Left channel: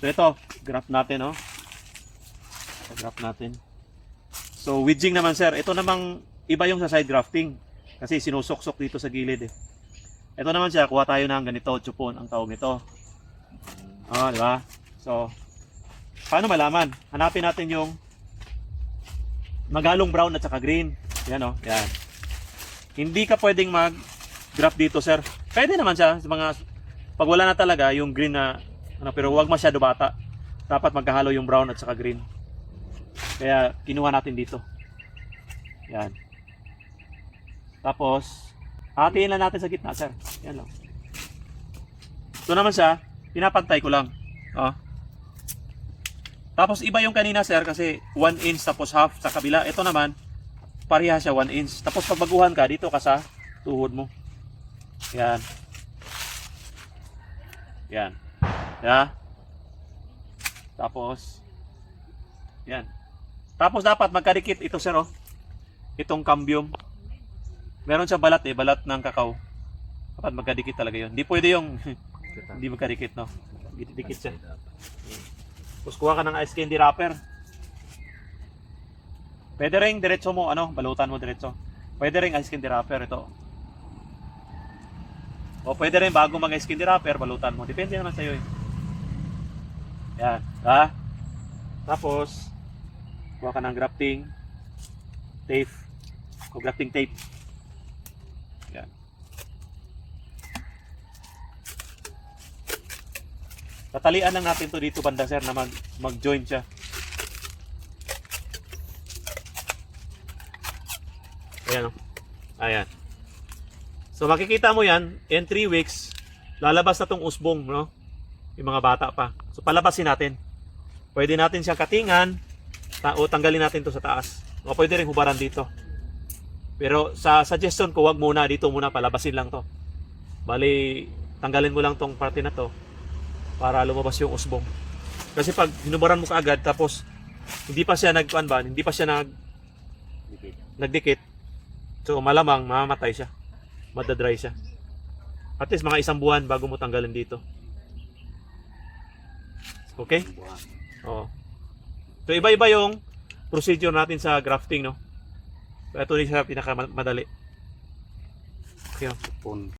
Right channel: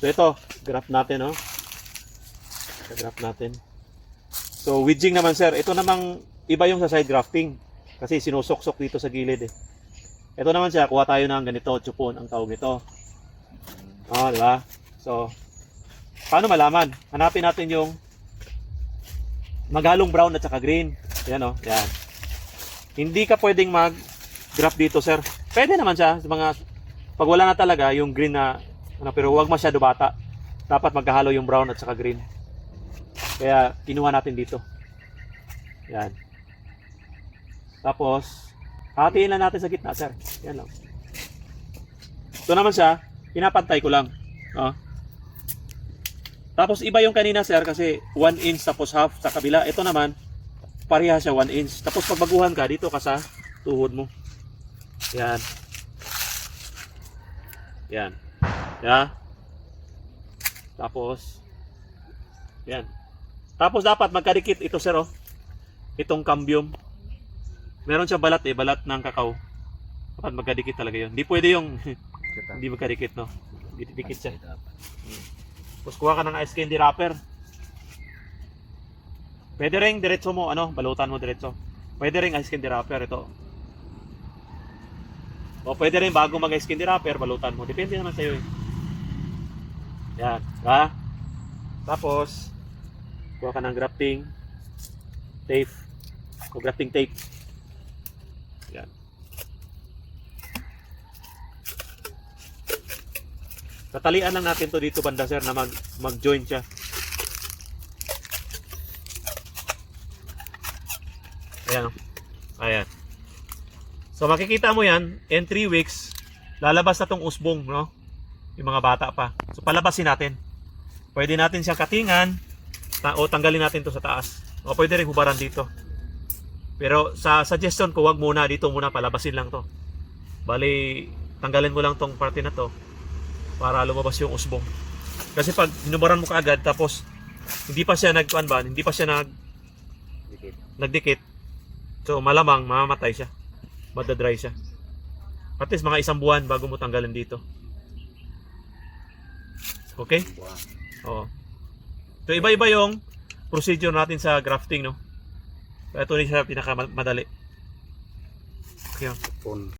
So ito, graph natin, oh. Graph natin. So wedging naman sir, ito namang iba yung sa side grafting kasi sinusok-sok dito sa gilid eh. Ito naman siya, kuha tayo ng ganito, chupon ang tawag ito. Oh, di ba? So paano malaman? Hanapin natin yung maghalong brown at saka green. Yan oh, yan. Hindi ka pwedeng mag-graft dito, sir. Pwede naman siya sa mga pag wala na talaga yung green na ano, pero huwag masyado bata. Dapat magkahalo yung brown at saka green. Kaya kinuha natin dito. Yan. Tapos hatiin lang natin sa gitna, sir. Yan lang. Ito naman siya, pinapantay ko lang. Oh. Tapos iba yung kanina sir kasi 1 inch tapos half sa kabila. Ito naman pareha siya 1 inch. Tapos pag baguhan ka dito ka sa tuhod mo. Yan. Yan. Yeah. Tapos yan. Tapos dapat magkadikit ito sir oh. Itong cambium. Meron siya balat eh, balat ng kakao. Dapat magkadikit talaga 'yon. Hindi pwede yung hindi magkadikit no. Dikit siya. Tapos kuha ka ng ice candy wrapper. Pwede rin diretso mo, ano, balutan mo diretso. Pwede rin ice candy wrapper ito. O pwede rin bago mag ice candy wrapper, balutan mo. Depende naman sa iyo eh. Yan, ha? Tapos kuha ka ng grafting tape. O grafting tape. Yan. Tatalian lang natin to dito banda sir na mag-join siya. Ayan. Ayan. So makikita mo yan, in 3 weeks, lalabas na tong usbong, no? Yung mga bata pa. So palabasin natin. Pwede natin siyang katingan, o tanggalin natin to sa taas. O pwede rin hubaran dito. Pero sa suggestion ko, wag muna, dito muna, palabasin lang to. Bali, tanggalin mo lang tong parte na to para lumabas yung usbong. Kasi pag hinubaran mo kaagad tapos hindi pa siya hindi pa siya nagdikit. So malamang mamamatay siya. Madadry siya. At least mga 1 buwan bago mo tanggalin dito. Okay? Oo. So iba-iba yung procedure natin sa grafting, no? Ito rin siya pinakamadali. Okay.